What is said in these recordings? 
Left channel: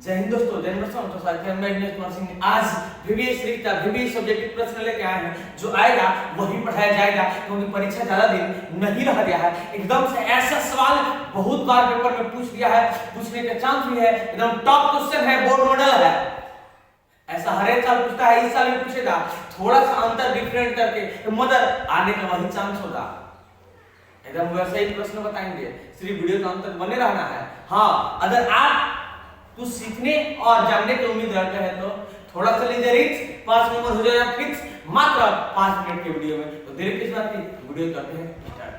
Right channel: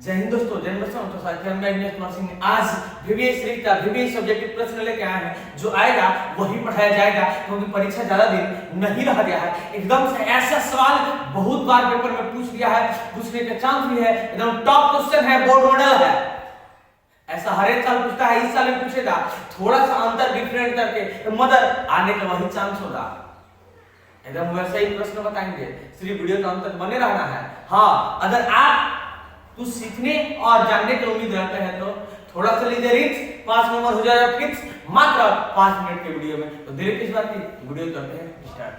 जय हिंद दोस्तों, जय दोस्तों। तो साथियों, मैं दिनेश कुमार सिंह आज VBS का VBS सब्जेक्टिव प्रश्न लेके आए हैं। जो आएगा वही पढ़ाया जाएगा, क्योंकि परीक्षा ज्यादा दिन नहीं रह गया है। एकदम से ऐसा सवाल बहुत बार पेपर में पूछ दिया है, पूछने का चांस भी है। एकदम टॉप क्वेश्चन है, बोर्ड मॉडल है। ऐसा हर एक साल पूछता है, इस साल भी पूछेगा। थोड़ा सा अंतर डिफरेंट करके मगर आने का वही चांस होगा। एकदम वैसे ही प्रश्न बताएंगे, सिर्फ वीडियो का अंत तक बने रहना है। हाँ, अगर आप कुछ सीखने और जानने की उम्मीद रखते हैं तो थोड़ा सा लीजिए रिक्स, 5 नंबर हो जाएगा फिक्स मात्र 5 मिनट के वीडियो में। तो देर किस बात की, वीडियो करते हैं स्टार्ट।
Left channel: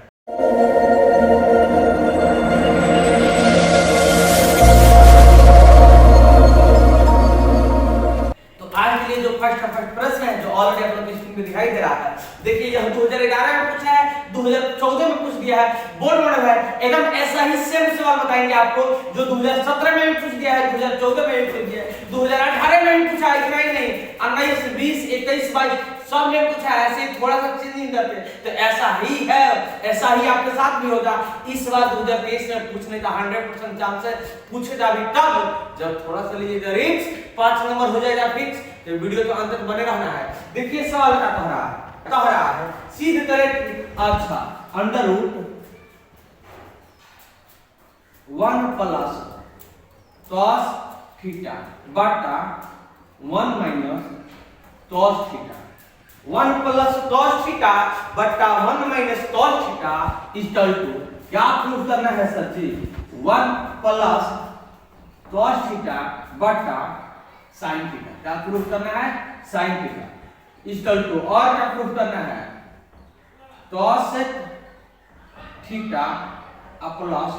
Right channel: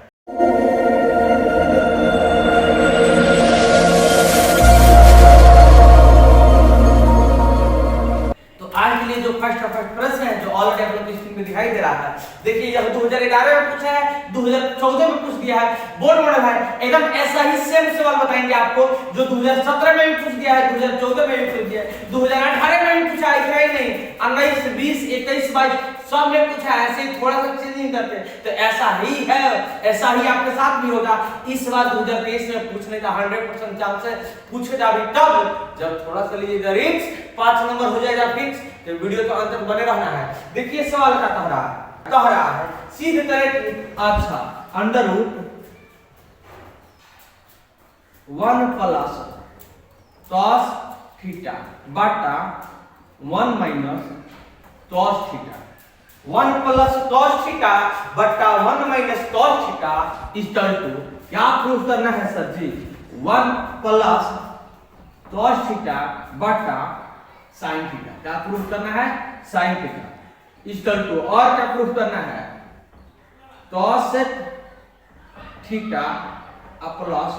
तो आज के लिए जो फर्स्ट प्रश्न है, जो ऑलरेडी आप लोग की स्क्रीन में दिखाई दे रहा है, देखिए यह 2011 में पूछा है, 2014 में पूछ दिया है, बोर्ड मॉडल है। एकदम ऐसा ही सेम सवाल बताएंगे आपको, जो 2017 में भी पूछ दिया है, 2014 में भी पूछ दिया है, 2018 में भी पूछा है। इतना ही नहीं, 19, 20, 21, 22 सब में पूछा है। ऐसे थोड़ा सा चेंज नहीं करते। तो ऐसा ही है, ऐसा ही आपके साथ भी होगा। इस बार 2023 में पूछने का 100% चांस है। पूछेगा भी तब जब थोड़ा सा लीजिएगा रिक्स, 5 नंबर हो जाएगा फिक्स। तो वीडियो तो अंत तक बने रहना है। देखिए सवाल क्या कह रहा है सीधे तरह। अच्छा, under root 1 plus cos theta बटा 1 minus cos theta. 1 plus cos theta बटा 1 minus cos theta equal to क्या प्रूफ करना है sir ji? 1 plus cos theta बटा sin थीटा। क्या प्रूफ करना है? sin थीटा इक्वल टू, और क्या प्रूफ करना है? cos theta plus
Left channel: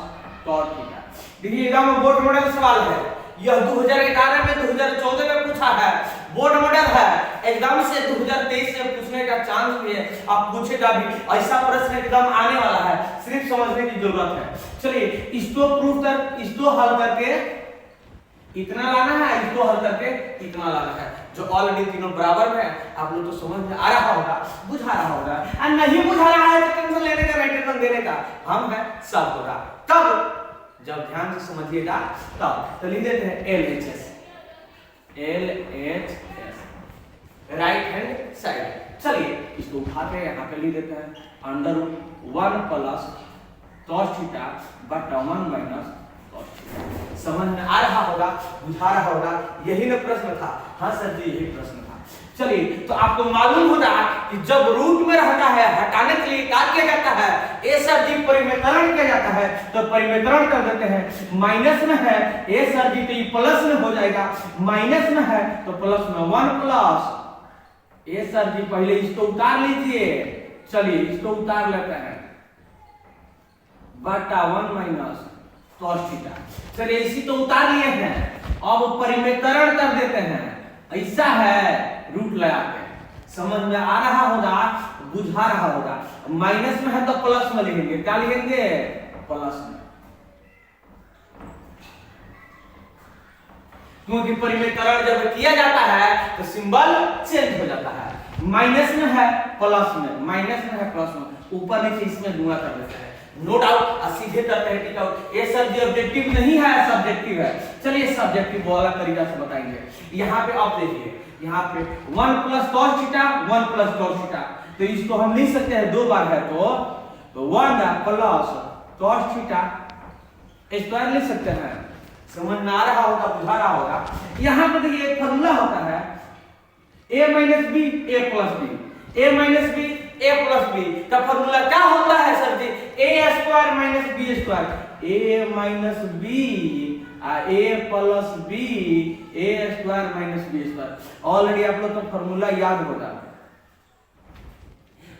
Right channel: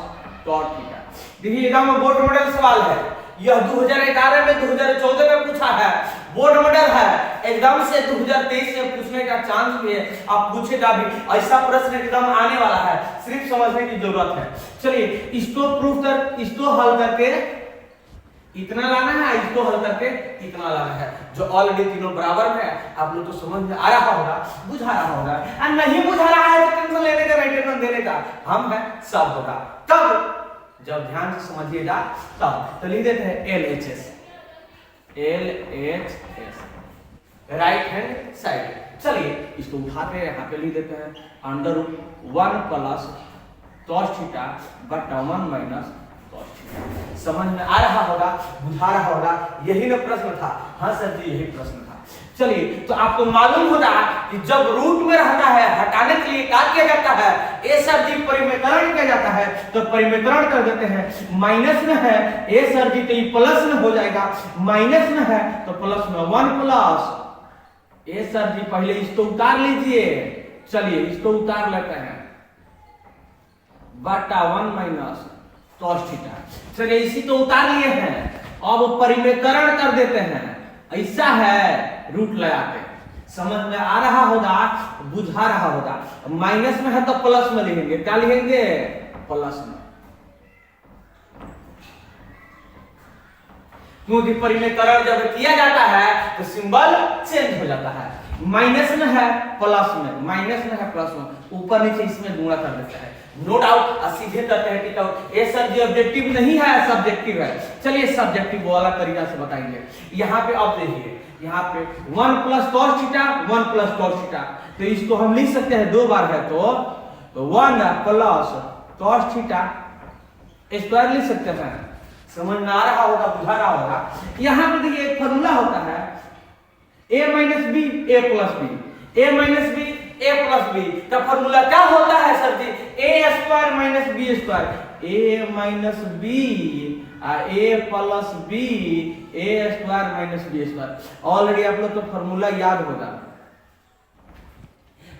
cot theta. देखिए एकदम बोर्ड मॉडल सवाल है। यह 2011 में 2014 में पूछा है, बोर्ड मॉडल है। एकदम से 2023 में पूछने का चांस भी है। आप पूछेगा भी, ऐसा प्रश्न एकदम आने वाला है, सिर्फ समझने की जरूरत है। चलिए इसको प्रूफ कर, इसको हल करके इतना लाना है, इसको हल करके इतना लाना है। जो ऑलरेडी तीनों बराबर में है, आप लोग तो समझ में आ रहा होगा, बुझा रहा होगा। और नहीं बुझा रहा है तो टेंशन लेने का, टेंशन देने का हम है, सब होगा। तब जब ध्यान से समझिएगा तब। तो लिख देते हैं LHS, राइट हैंड साइड। चलिए इसको उठा के यहाँ पे लिख देते हैं अंडर 1 प्लस cos थीटा बटा 1 माइनस cos थीटा। समझ में आ रहा होगा, बुझा रहा होगा। यही ना प्रश्न था? हाँ सर जी, यही प्रश्न था। चलिए, तो आपको मालूम होगा कि जब रूट में रहता है, हटाने के लिए क्या किया जाता है? ए सर जी परिमेतरण किया जाता है। तो परिमेतरण कर देते हैं। माइनस में है ए सर जी, तो ये प्लस में हो जाएगा। माइनस में है तो प्लस में 1 प्लस ए सर जी, पहले इसको उतार लीजिए। चलिए इसको उतार लेते हैं बटा 1 माइनस cos थीटा। चलिए इसी तो उतार लिए हैं, अब परिमेतरण कर देते हैं। ऐसा है, रूट लगाते हैं। समझ में आ रहा होगा, बुझा रहा होगा। माइनस में है तो प्लस में लिखेंगे। क्या लिखेंगे? प्लस में, क्योंकि परिमेतरण जब किया जाता है तो सिंबल चेंज हो जाता है। माइनस में है प्लस में, माइनस में है प्लस में, ऊपर नीचे इसमें गुणा कर देता है। नो डाउट, सीधे करते हैं टिक आउट। ये सर जी ऑब्जेक्टिव नहीं है, सब्जेक्टिव है। चलिए सब्जेक्टिव वाला तरीका से बताएंगे। यहाँ पे अब देखिए, यहाँ पे 1 plus cos theta, 1 plus cos theta. तो इसको हम लिख सकते हैं, 2 बार है तो 1 प्लस cos थीटा स्क्वायर लिख सकते हैं। समझ में आ रहा होगा, बुझा रहा होगा। यहाँ पे देखिए एक फॉर्मूला होता है a minus B a plus B, a minus B a plus B का फॉर्मूला क्या होता है sir ji? a square minus b square. a माइनस b a प्लस b a square minus b square. Already आप लोग को फॉर्मूला याद होगा।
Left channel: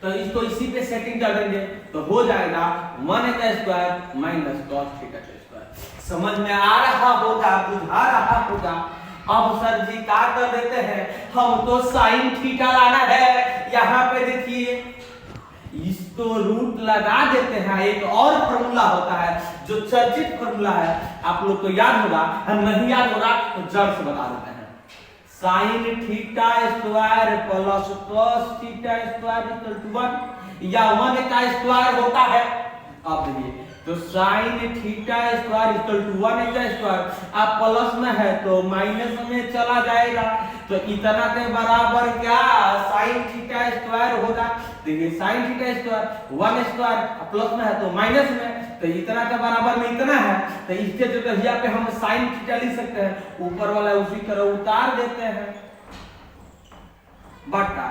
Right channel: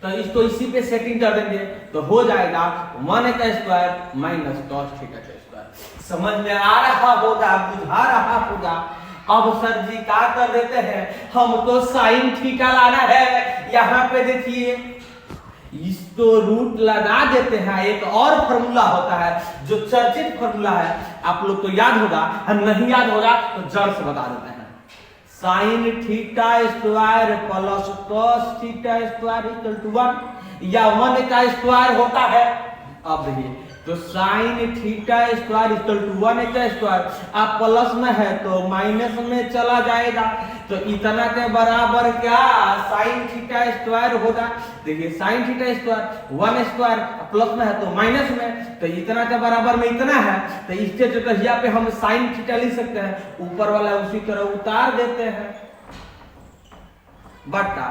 तो इसको इसी पे सेटिंग कर देंगे तो हो जाएगा 1 का स्क्वायर माइनस cos थीटा का स्क्वायर। समझ में आ रहा होगा, बुझा रहा होगा। अब सर जी क्या कर देते हैं, हम तो sin थीटा लाना है। यहाँ पे देखिए इसको रूट लगा देते हैं। एक और फॉर्मूला होता है जो चर्चित फॉर्मूला है, आप लोग को याद होगा। नहीं याद होगा तो जड़ से बता देते हैं। sin theta square plus cos theta square equal to 1, या 1 का स्क्वायर होता है। अब देखिए तो sine theta square equal to 1 square, आप प्लस में है तो माइनस में चला जाएगा, तो इतना के बराबर क्या साइन थीटा स्क्वायर होगा। देखिए sign theta square 1 square plus में है तो माइनस में, तो इतना के बराबर में इतना है, तो इसके जगह यहाँ पे हम साइन थीटा लिख सकते हैं, ऊपर वाला उसी तरह उतार देते हैं, बट्टा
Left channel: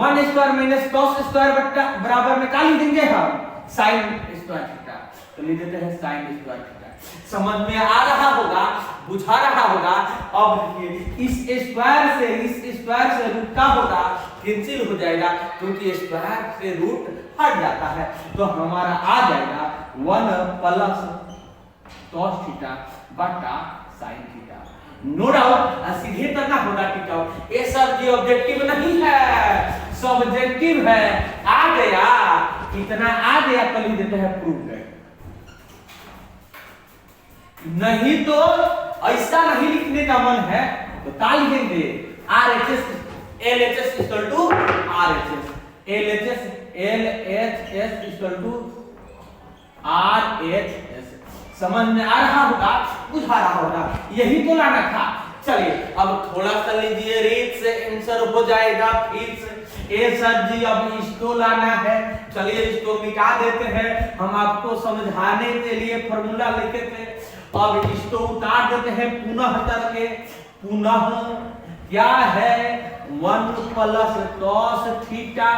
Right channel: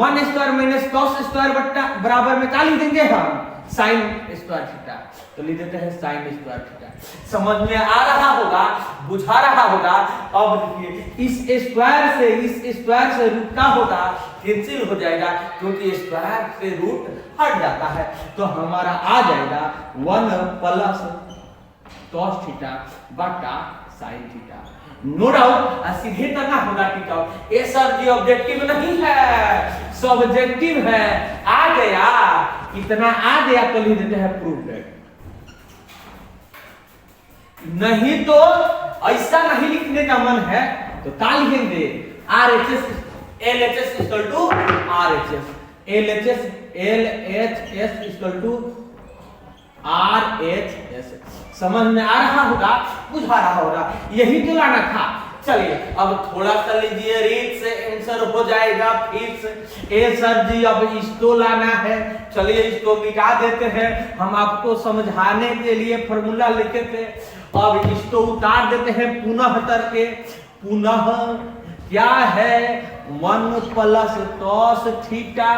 1 स्क्वायर माइनस कॉस स्क्वायर बट्टा बराबर में क्या लिख देंगे हम साइन स्क्वायर थीटा, तो लिख देते हैं साइन स्क्वायर थीटा। समझ में आ रहा होगा, बुझा रहा होगा। अब देखिए इस स्क्वायर से रूट का होगा कैंसिल हो जाएगा, क्योंकि स्क्वायर से रूट हट जाता है, तो हमारा आ जाएगा 1 प्लस cos थीटा बटा sin थीटा। नो डाउट सीधे करना होगा थीटा, ये सर जी ऑब्जेक्टिव नहीं है, सब्जेक्टिव है। आ गया, इतना आ गया तो लिख देते हैं प्रूफ है, नहीं तो ऐसा नहीं लिखने का मन है तो क्या लिखेंगे RHS LHS equal to RHS, LHS equal to RHS। समझ में आ रहा होगा, बुझा रहा होगा, यही तो लाना था। चलिए अब थोड़ा सा लीजिए, रीत से आंसर हो जाएगा फिर से। ए सर जी अब इसको लाना है, चलिए इसको मिटा देते हैं, हम आपको समझाने के लिए फॉर्मूला लिखे थे, अब इसको उतार देते हैं पुनः करके। पुनः क्या है 1 प्लस cos थीटा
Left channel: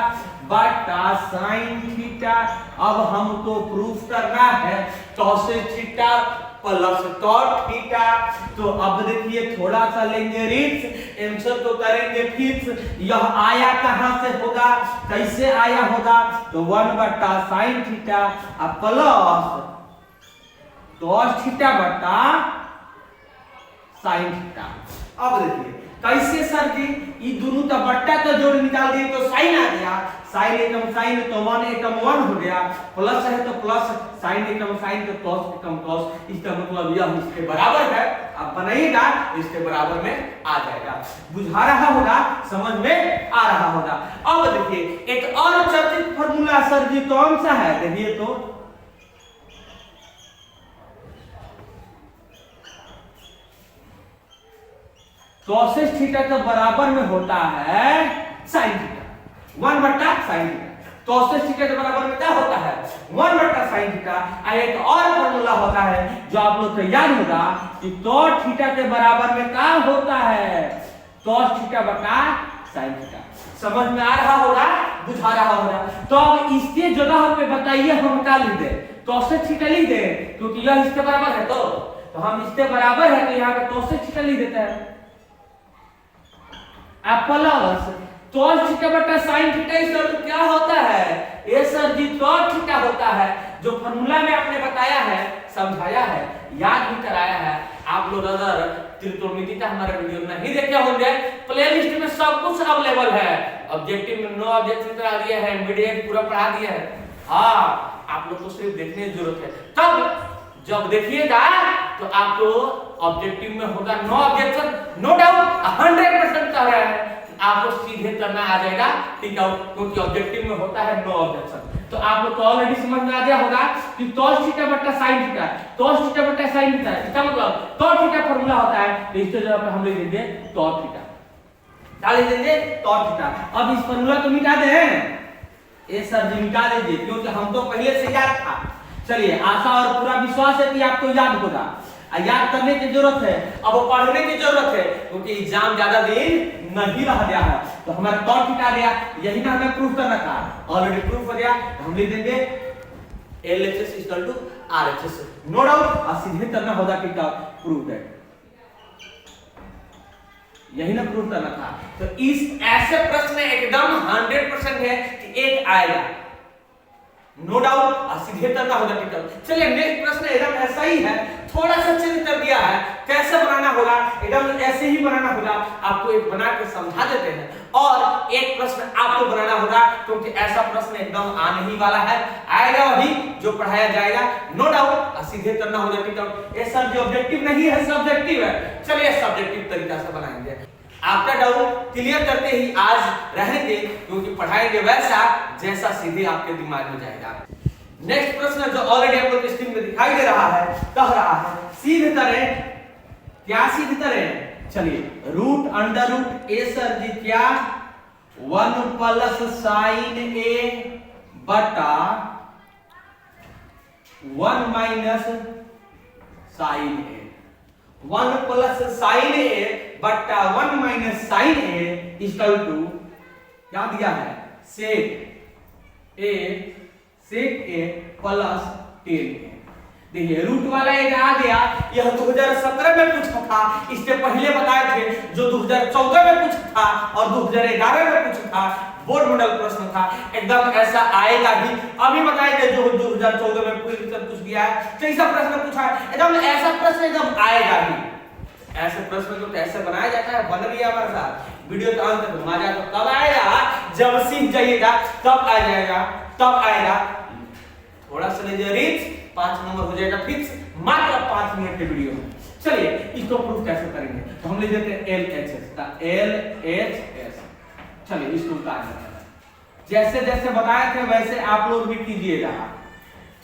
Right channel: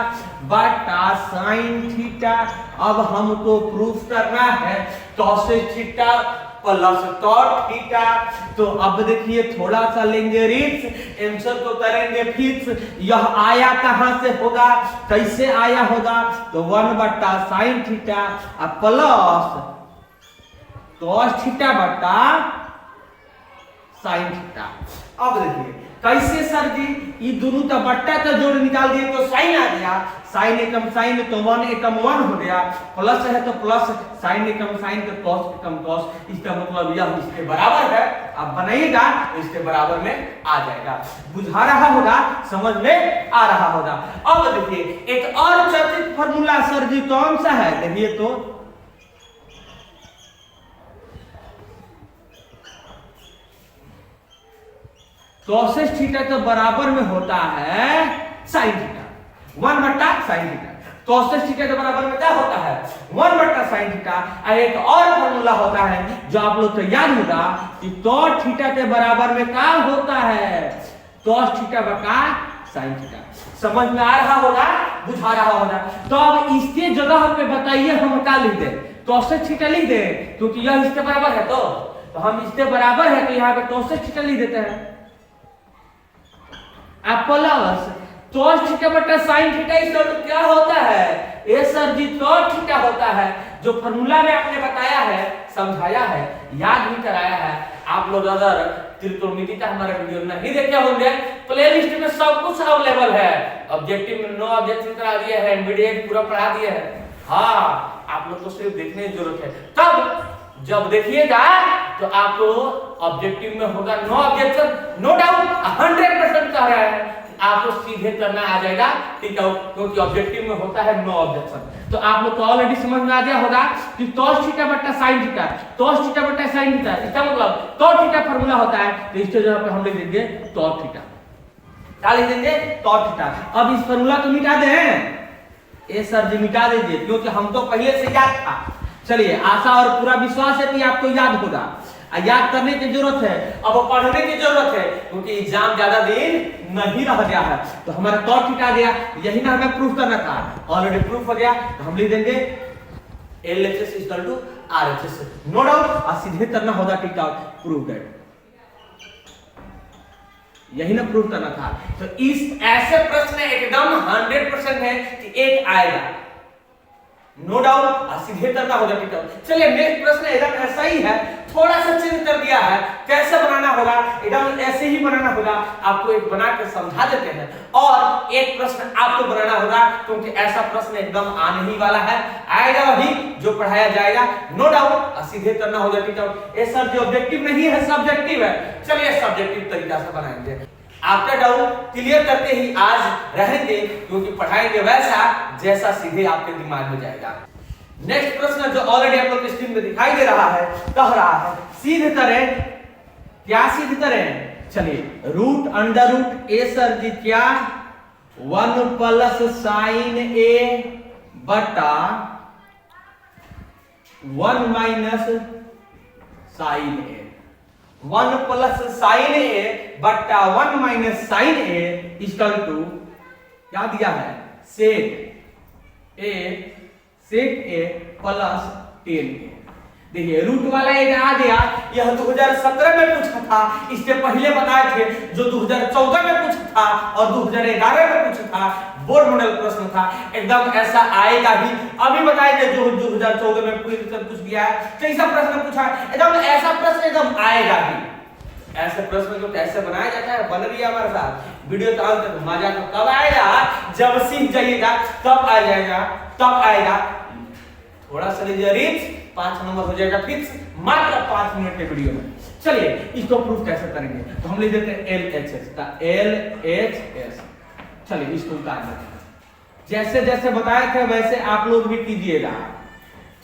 बटा sin थीटा। अब हमको प्रूफ करना है cos theta plus cot theta, तो अब देखिए थोड़ा सा लेंगे रिट्स, आंसर को करेंगे फिक्स। यह आया कहां से होगा, कैसे आया होगा, तो 1 बटा sin theta plus cos theta बटा sin थीटा। अब देखिए कैसे सर जी, ये दोनों का बट्टा का जोड़ निकाल दिए तो साइन आ गया, साइन एकम साइन तो 1 एकम 1 हो गया, प्लस है तो प्लस, साइन एकम साइन तो कॉस एकम कॉस, इसका मतलब यह इसके बराबर है। अब बनाइएगा इसके बराबर में आ जाएगा, बुझा रहा होगा, समझ में आ रहा होगा। अब देखिए एक और चर्चित फार्मूला सर जी कौन सा है, देखिए तो cos थीटा के बराबर में होता है sin थीटा, 1 बटा sin थीटा। cos थीटा के बराबर में क्या होता है 1 बटा sin थीटा। एक और फॉर्मूला होता है जो आप लोग को याद होगा कि cos थीटा के बराबर में क्या होता है cos थीटा बटा sin थीटा। समझ में आ रहा होगा, बुझा रहा होगा। तो अब इसके जगह पे बताइए हम क्या लिख दें, cos थीटा लिख दें, क्योंकि यह इसके बराबर है, तो हम इसके बराबर है तो यहाँ पे cos थीटा लिख देते हैं प्लस cos थीटा बटा sin थीटा। इस क्या होता है ए सर जी cos थीटा होता है, जो फॉर्मूला में आपने बताया है, समझाया है, याद भी कराया है। आप लोग अगर त्रिकोणमिति का हमारा वीडियो नहीं देखे होंगे, प्लेलिस्ट में सब कुछ अवेलेबल है, ऑब्जेक्टिव में नो ऑब्जेक्टिव करा दिया है, मीडिएट पूरा पढ़ा दिया है। हाँ, आप लोग को सिर्फ देखने की जरूरत है, तब जब देखिएगा तो आपको ऑब्जेक्टिव में होगा नो ऑब्जेक्शन, नो डाउट 100% कह रहा है, आपको सीधे करना आ जाएगा, ठीक है, क्योंकि ऑब्जेक्टिव में होता है नो ऑब्जेक्शन। तो आप लोग को ऑलरेडी समझ में आ गया होगा कि cos थीटा बटा sin थीटा, cos थीटा बटा sin थीटा, इसका मतलब cot थीटा फार्मूला होता है, तो इसके जगह पे हम लिख देंगे cot थीटा। क्या लिख देंगे cot थीटा। अब इस फार्मूला को मिटा दें, ए सर जी मिटा दीजिए, क्योंकि हम तो पहले से याद था। चलिए आशा और पूरा विश्वास है कि आपको याद होगा, याद करने की जरूरत है, अब पढ़ने की जरूरत है, क्योंकि एग्जाम ज्यादा दिन नहीं रह गया है। तो हमारा cot थीटा आ गया, यही ना हमें प्रूफ करना था, ऑलरेडी प्रूफ हो गया, तो हम लिख देंगे LHS equal to RHS, no doubt, और सीधे करना होगा थीटा प्रूफ है, यही ना प्रूफ करना था। तो इस ऐसे प्रश्न एकदम 100% है कि एक आएगा, नो डाउट, सीधे करना होगा थीटा। चलिए नेक्स्ट प्रश्न एकदम ऐसा ही है, थोड़ा सा चेंज कर दिया है, कैसे बनाना होगा, एकदम ऐसे ही बनाना होगा, आपको एक बना के समझा देते हैं, और एक प्रश्न आपको बनाना होगा, क्योंकि ऐसा प्रश्न एकदम आने ही वाला है, आएगा वही जो पढ़ाया जाएगा, नो डाउट, सीधे करना होगा थीटा। ये सर जो ऑब्जेक्टिव नहीं है, सब्जेक्टिव है। चलिए सब्जेक्टिव तरीका से बनाएंगे, आपका डाउट क्लियर करते ही आज रहेंगे, क्योंकि पढ़ाएंगे वैसा जैसा सीधे आपके दिमाग में जाएगा। नेक्स्ट प्रश्न जो ऑलरेडी आप लोग की स्क्रीन में दिखाई दे रहा है, कह रहा है सीध तरह, क्या सीध तरह, चलिए root under root A sir ji क्या 1 प्लस साइन ए बटा 1 minus sine A, 1 plus sine A बटा 1 minus sine A equal to क्या दिया है सेक ए प्लस 10 ए। देखिए रूट वाला एक आ गया, यह 2017 में पूछा था, इससे पहले बताए थे जो 2014 में पूछा था और 2011 में पूछा था, बोर्ड मॉडल प्रश्न था, एकदम ऐसा आएगा ही। अभी बताएंगे जो 2014 में पूरी तरह पूछ दिया है, कैसा प्रश्न पूछा है, एकदम ऐसा प्रश्न एकदम आएगा ही। ऐसे प्रश्न को कैसे बनाया जाता है, बन रही है हमारे साथ वीडियो तो अंत तक मजा तो कब आएगा, जब सीख जाइएगा तब आ जाएगा, तब आएगा। थोड़ा सा लीजिए रीच 5 नंबर हो जाएगा फिक्स, मात्र 5 मिनट के वीडियो में। चलिए इसको प्रूफ कैसे करेंगे, तो हम लिख देते हैं LHS का LHS। चलिए इसको उतार लेते हैं, जैसे जैसे बताए थे वैसे आप लोग भी कीजिएगा।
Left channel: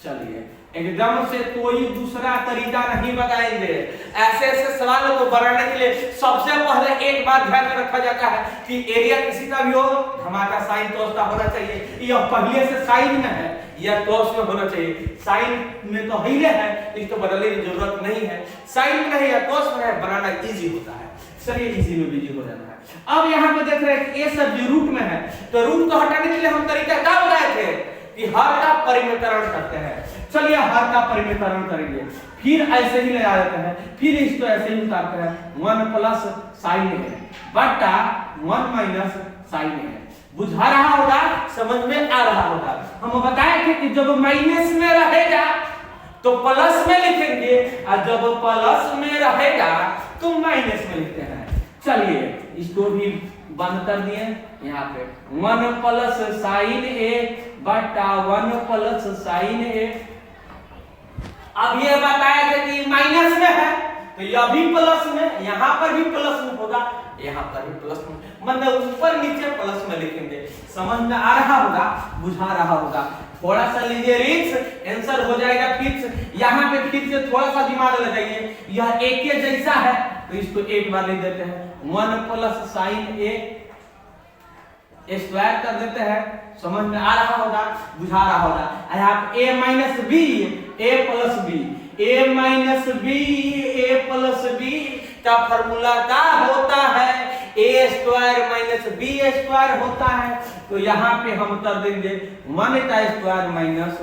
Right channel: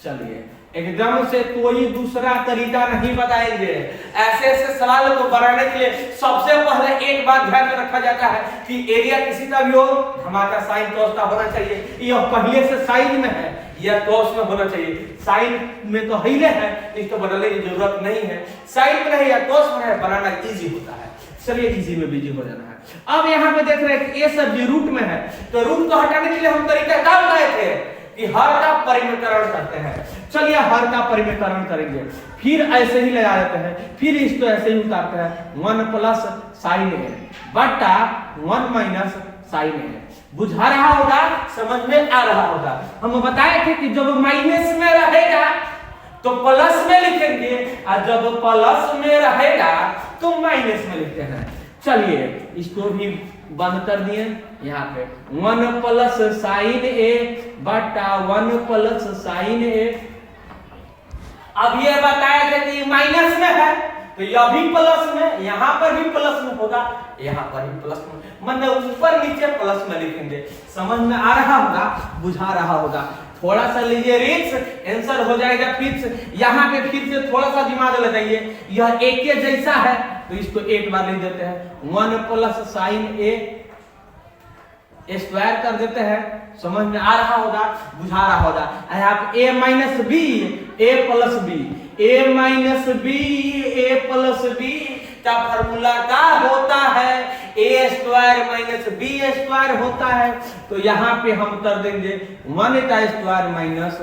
चलिए एकदम से कोई दूसरा तरीका नहीं बताएंगे, ऐसे ऐसे सवाल को बनाने के लिए सबसे पहले एक बात ध्यान में रखा जाता है कि एरिया किसी का भी हो हमारा साइन cos का होना चाहिए, यह पहले से साइन में है या cos में होना चाहिए। साइन में तो हिले है, इसको बदलने की जरूरत नहीं है, साइन में नहीं है cos में है, बनाना इजी होता है। चलिए इजी में बिजी हो जाना है। अब यहाँ पे देख रहे हैं कि ए सब जी रूट में है, तो रूट को हटाने के लिए हम तरीका क्या बताए थे कि हर का परिमितरण करते हैं। चलिए हर का परिमितरण करेंगे, फिर ऐसे ही लगा देते हैं, फिर इसको ऐसे ही उतारते हैं 1 प्लस साइन ए बटा 1 माइनस साइन ए। बुझा रहा होगा, समझ में आ रहा होगा। हम बताए थे कि जब माइनस में रहेगा तो प्लस में लिखेंगे और जब प्लस में रहेगा तो माइनस में लिखते हैं। चलिए इसको भी बंद कर दिए, यहाँ पे 1 प्लस साइन ए बटा 1 प्लस साइन ए। अब ये बताया था कि माइनस में है तो यह भी प्लस में, यहाँ पर भी प्लस में होगा, यहाँ पर भी प्लस में, मतलब ऊपर नीचे प्लस में लिखेंगे। समझ में आ रहा होगा, बुझा रहा होगा। थोड़ा सा लीजिए रिक्स, आंसर हो जाएगा फिक्स। यहाँ पे फिर से थोड़ा सा दिमाग लगाइए, यह एक के जैसा है तो इसको एक बार लिख देते हैं 1 प्लस साइन ए स्क्वायर कर देते हैं। समझ में आ रहा होगा, बुझा रहा होगा। यहाँ पे a minus B a plus B, a minus B a plus B का फॉर्मूला क्या होता है, a square minus b square होता है। तो यहाँ पे हम कर देंगे 1 का स्क्वायर माइनस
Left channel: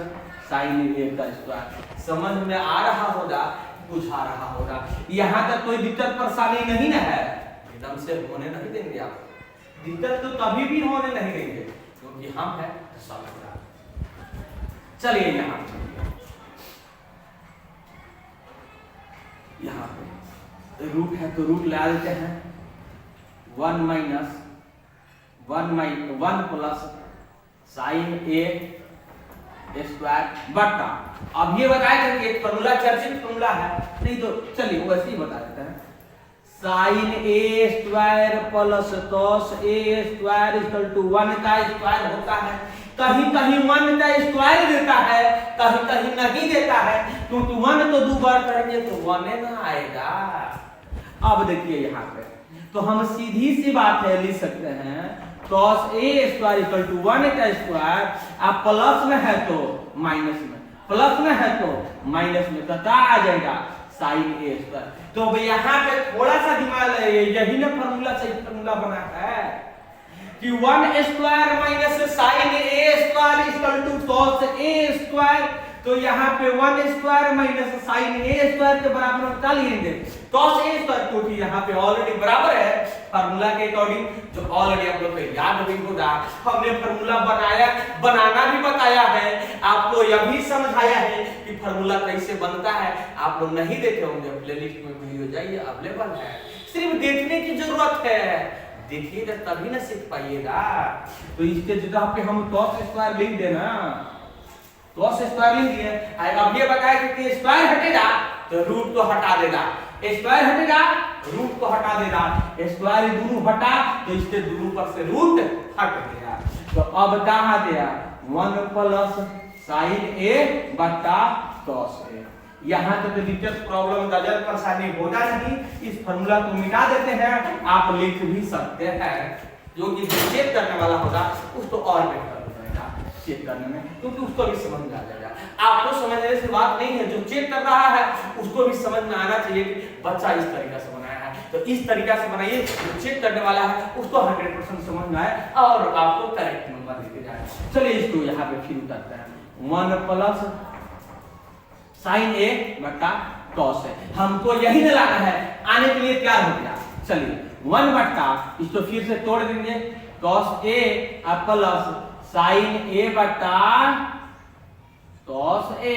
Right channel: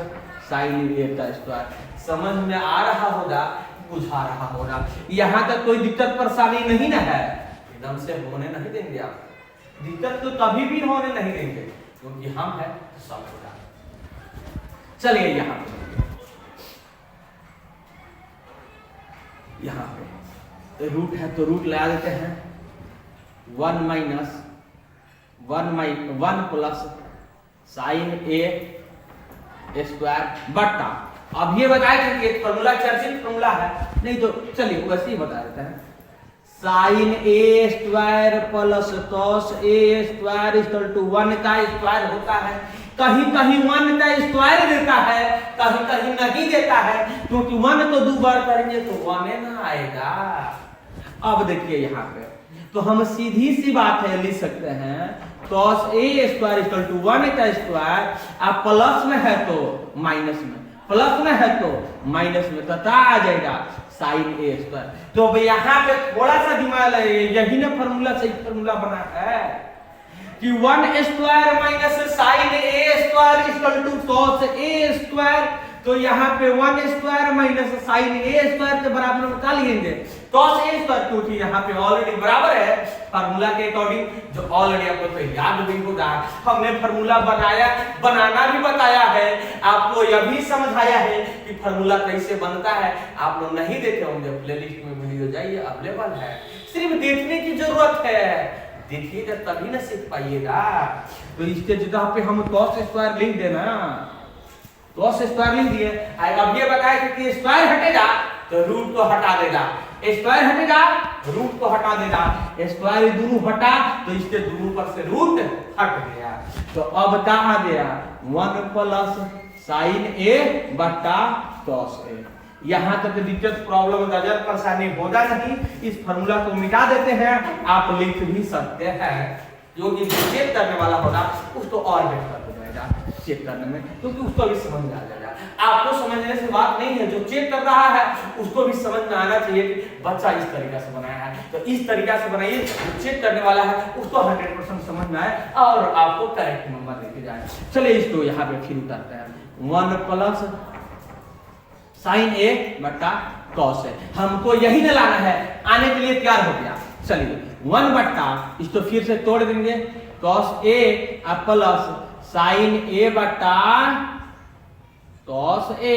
साइन a का स्क्वायर। समझ में आ रहा होगा, बुझा रहा होगा। यहाँ तक कोई दिक्कत परेशानी नहीं ना है, एकदम से होने नहीं देंगे आप, दिक्कत तो कभी भी होने नहीं देंगे क्योंकि हम है तो सब होगा। चलिए यहाँ पे रूट है तो रूट लगा देते हैं 1 minus 1 plus sine A square बटा, अब ये बताया था कि एक फॉर्मूला चर्चित फॉर्मूला है, नहीं तो चलिए वैसे ही बता देते हैं, sine A square plus cos A square equal to 1 का स्क्वायर होता है। कहीं कहीं 1 का स्क्वायर देता है, कहीं कहीं नहीं देता है, क्योंकि 1 तो 2 बार करेंगे तो 1 ना आएगा। अब देखिए यहाँ पे तो हम सीधी सी बात है लिख सकते हैं cos A square equal to 1 का स्क्वायर, आप प्लस में है तो माइनस में, प्लस में है तो माइनस में, तो क्या आ जाएगा साइन ए स्क्वायर। तो यहाँ पे थोड़ा सा दिमाग लगाइए, यही ना फॉर्मूला से फॉर्मूला बना है कि 1 square minus sine A square equal to cos A square. तो यहाँ पे 1 square minus sine A square के बराबर हम क्या लिखेंगे cos ए स्क्वायर, क्योंकि यहाँ पे ऑलरेडी बराबर है फार्मूला के अकॉर्डिंग, जो ऑलरेडी आप लोग को याद भी होगा। हमने फार्मूला बनाना भी बताया है, आपको यह भी समझाया है कि फार्मूला कैसे बनता है। आप लोग नहीं देखे होंगे, प्लेलिस्ट में वीडियो जाइए अवेलेबल है, सिर्फ देखने की जरूरत है, देखिएगा तभी ना सीख पाइएगा। तो इसके जगह पे हम cos स्क्वायर लिख देना, cos स्क्वायर लिख दिए। अब ये बताया कि स्क्वायर हटेगा तो रूट को हटा देगा, स्क्वायर हटेगा रूट को हटा देगा, स्क्वायर दोनों हटा तो इसके दोनों पर से रूट हट गया। तो अब कहाँ गया 1 प्लस साइन ए बटा कॉस ए। यहाँ तक दिक्कत प्रॉब्लम नजर परेशानी होगा नहीं। इस फॉर्मूला को मिटा देते हैं, आप लिख भी सकते हैं, जो कि चेक करने वाला होगा उसको और बेहतर हो जाएगा चेक करने में, क्योंकि उसको भी समझ में आ जाएगा। आपको समझने से बात नहीं है, जो चेक कर रहा है उसको भी समझ में आना चाहिए कि बच्चा इस तरीका से बनाया है, तो इस तरीका से बनाइए, जो चेक करने वाला है उसको 100% समझ में आए और आपको करेक्ट नंबर लेके जाए। चलिए इसको यहाँ पे फिर उतारते हैं। 1 प्लस साइन ए बटा कॉस है, हमको यही न लाना है, आने के लिए तैयार हो गया। चलिए 1 बटा, इसको फिर से तोड़ देंगे, cos A plus sine A बटा कॉस ए।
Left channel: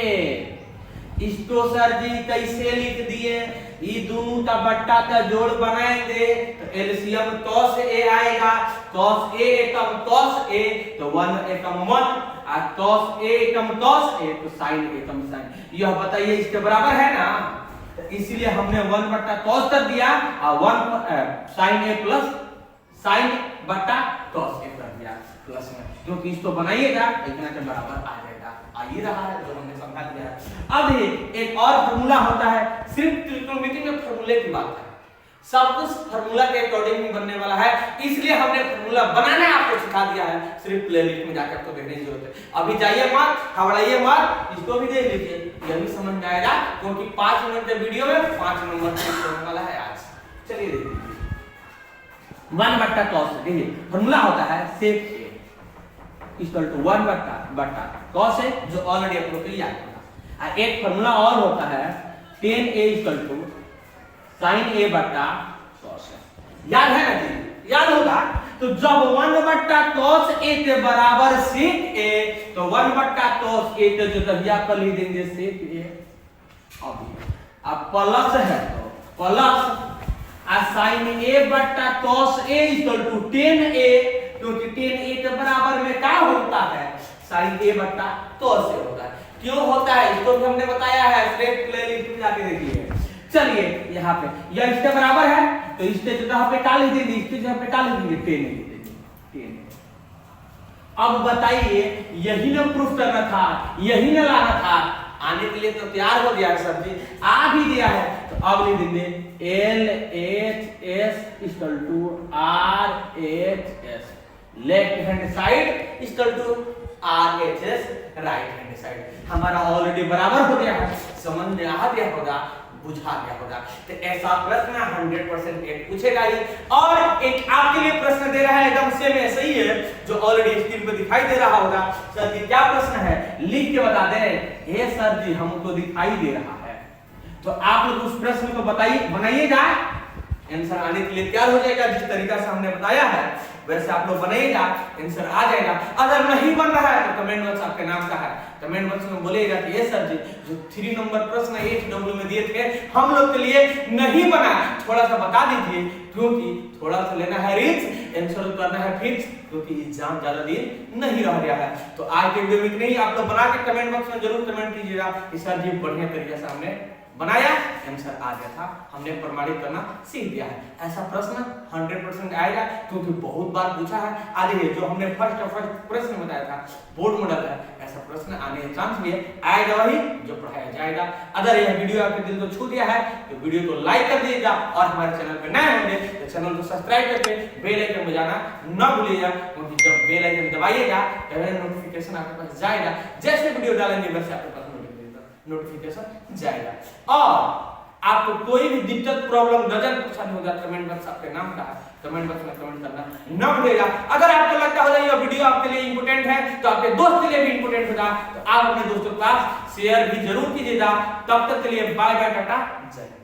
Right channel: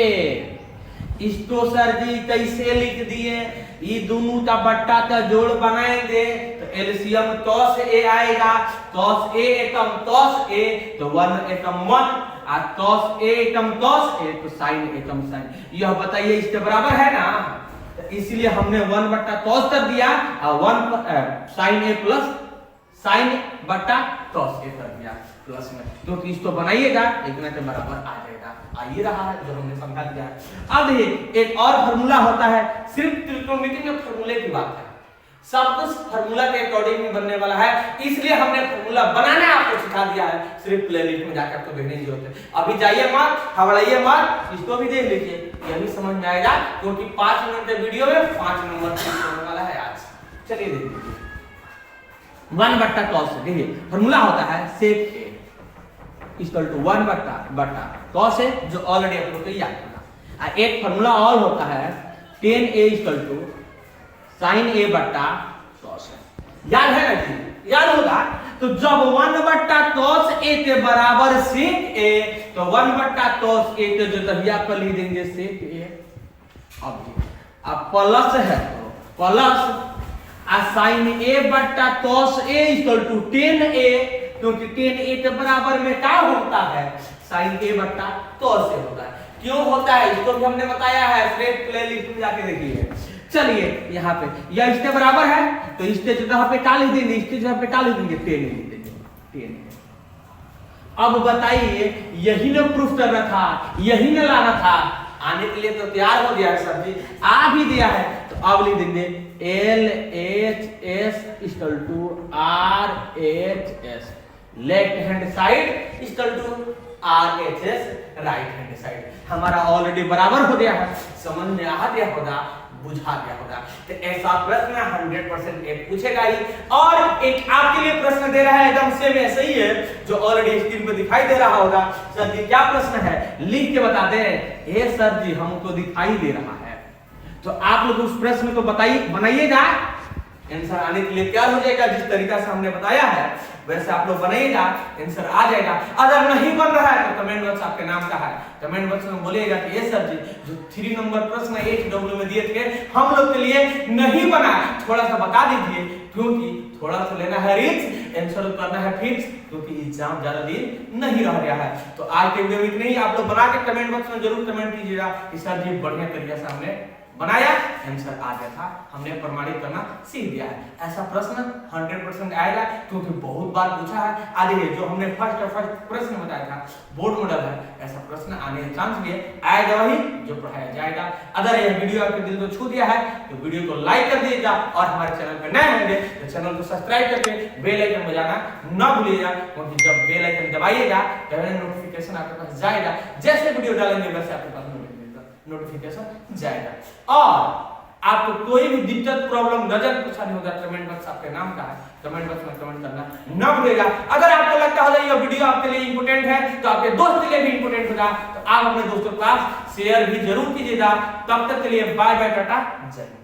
इसको सर जी कैसे लिख दिए, ये दोनों का बट्टा का जोड़ बनाएंगे तो एलसीएम कॉस ए आएगा, cos A Ekam cos A तो 1 एकम 1 और cos A Ekam cos A तो साइन एकम साइन। यह बताइए इसके बराबर है ना, तो इसलिए हमने 1 बट्टा कॉस कर दिया और 1 साइन ए प्लस साइन बट्टा कॉस ए कर दिया प्लस में, क्योंकि इसको बनाइएगा इतना के बराबर आ जाएगा। आइए रहा है जो हमने समझा दिया है। अब देखिए एक और फार्मूला होता है, सिर्फ त्रिकोणमिति में फार्मूले की बात है, सब कुछ फार्मूला के अकॉर्डिंग ही बनने वाला है, इसलिए हमने फार्मूला बनाना आपको सिखा दिया है। सिर्फ प्लेलिस्ट में जाकर तो देखने की जरूरत है। अभी जाइए मत, हवड़ाइए मत, इसको भी देख लीजिए, यह भी समझ में आएगा, क्योंकि 5 मिनट के वीडियो में 5 नंबर होने वाला है आज। चलिए देख लीजिए 1 बट्टा कॉस, देखिए फार्मूला होता है सेक ए इक्वल टू 1 बट्टा कॉस है, जो ऑलरेडी आपको तो याद होगा। एक फार्मूला और होता है tan a equal to sin a बट्टा cos a, याद है ना जी, याद होगा। तो जब 1 बट्टा cos a के बराबर sec a, तो 1 बट्टा cos a के जो दरिया पर लिख देंगे sec a। अब प्लस है तो प्लस sin a बट्टा cos a equal to tan a, क्योंकि tan a के बराबर में क्या होता है, sin a बट्टा cos a होता है। क्यों होता है इसको भी हमने बताया है, सिर्फ प्लेलिस्ट में जाके देखिए। चलिए यहाँ पे यह इसके बराबर है, तो इसके जगह पे क्या लिख देंगे, इसके जगह पे क्या लिख देंगे, tan लिख देंगे, tan। अब बताइए यही ना प्रूफ करना था, यही ना लाना था, आने के लिए तो तैयार हो गया है सर जी, आ भी दिया है, तो अब लिख देंगे LHS equal to RHS left hand side equal to RHS right hand side. हमारा ऑलरेडी बराबर हो गया है, समझ में आ गया होगा, बुझा गया होगा। तो ऐसा प्रश्न 100% एक पूछेगा ही, और एक आपके लिए प्रश्न दे रहा है एकदम सेम ऐसे ही है जो ऑलरेडी स्क्रीन पे दिखाई दे रहा होगा। सर जी क्या प्रश्न है, लिख के बता दे, ये सर जी हमको दिखाई दे रहा है, तो आप लोग उस प्रश्न को बताइए, बनाइएगा, आंसर आने के लिए तैयार हो जाएगा। जिस तरीका से हमने बताया है वैसे आप लोग बनाइएगा, आंसर आ जाएगा। अगर नहीं बन रहा है तो कमेंट बॉक्स आपके नाम का है, कमेंट बॉक्स में बोलिएगा कि ये सर जी जो 3 नंबर प्रश्न HW में दिए थे हम लोग के लिए नहीं बना, थोड़ा सा बता दीजिए, क्योंकि थोड़ा सा लेना है रिस्क, आंसर करना है फिक्स, क्योंकि एग्जाम ज्यादा दिन नहीं रह गया है। तो आज के वीडियो में इतना ही, आप लोग बना के कमेंट बॉक्स में जरूर कमेंट कीजिएगा कि सर जी बढ़िया तरीके से हमने बनाया, आंसर आ गया था, हमने प्रमाणित करना सीख दिया है। ऐसा प्रश्न 100% आएगा, क्योंकि बहुत बार पूछा है। आगे जो हमने फर्स्ट प्रश्न बताया था बोर्ड मॉडल है, ऐसा प्रश्न आने के चांस भी है, आएगा वही जो पढ़ाया जाएगा। अगर यह वीडियो आपके दिल को छू दिया है तो वीडियो को लाइक कर दीजिएगा, और हमारे चैनल पर नए होंगे तो चैनल को सब्सक्राइब करके बेल आइकन बजाना न भूलिएगा, क्योंकि जब बेल आइकन दबाइएगा तो नोटिफिकेशन आपके पास जाएगा, जैसे वीडियो डालेंगे वैसे आपके पास नोटिफिकेशन जाएगा। और आपको कोई भी दिक्कत प्रॉब्लम नजर परेशानी होगा, कमेंट बॉक्स आपके नाम का है, कमेंट बॉक्स में कमेंट करना न भूलिएगा। अगर आपको लगता है ये वीडियो आपके लिए इंपॉर्टेंट है तो आपके दोस्त के लिए भी इंपॉर्टेंट होगा, तो आप अपने दोस्तों के पास शेयर भी जरूर कीजिएगा। तब तक के लिए बाय बाय, टाटा, जय।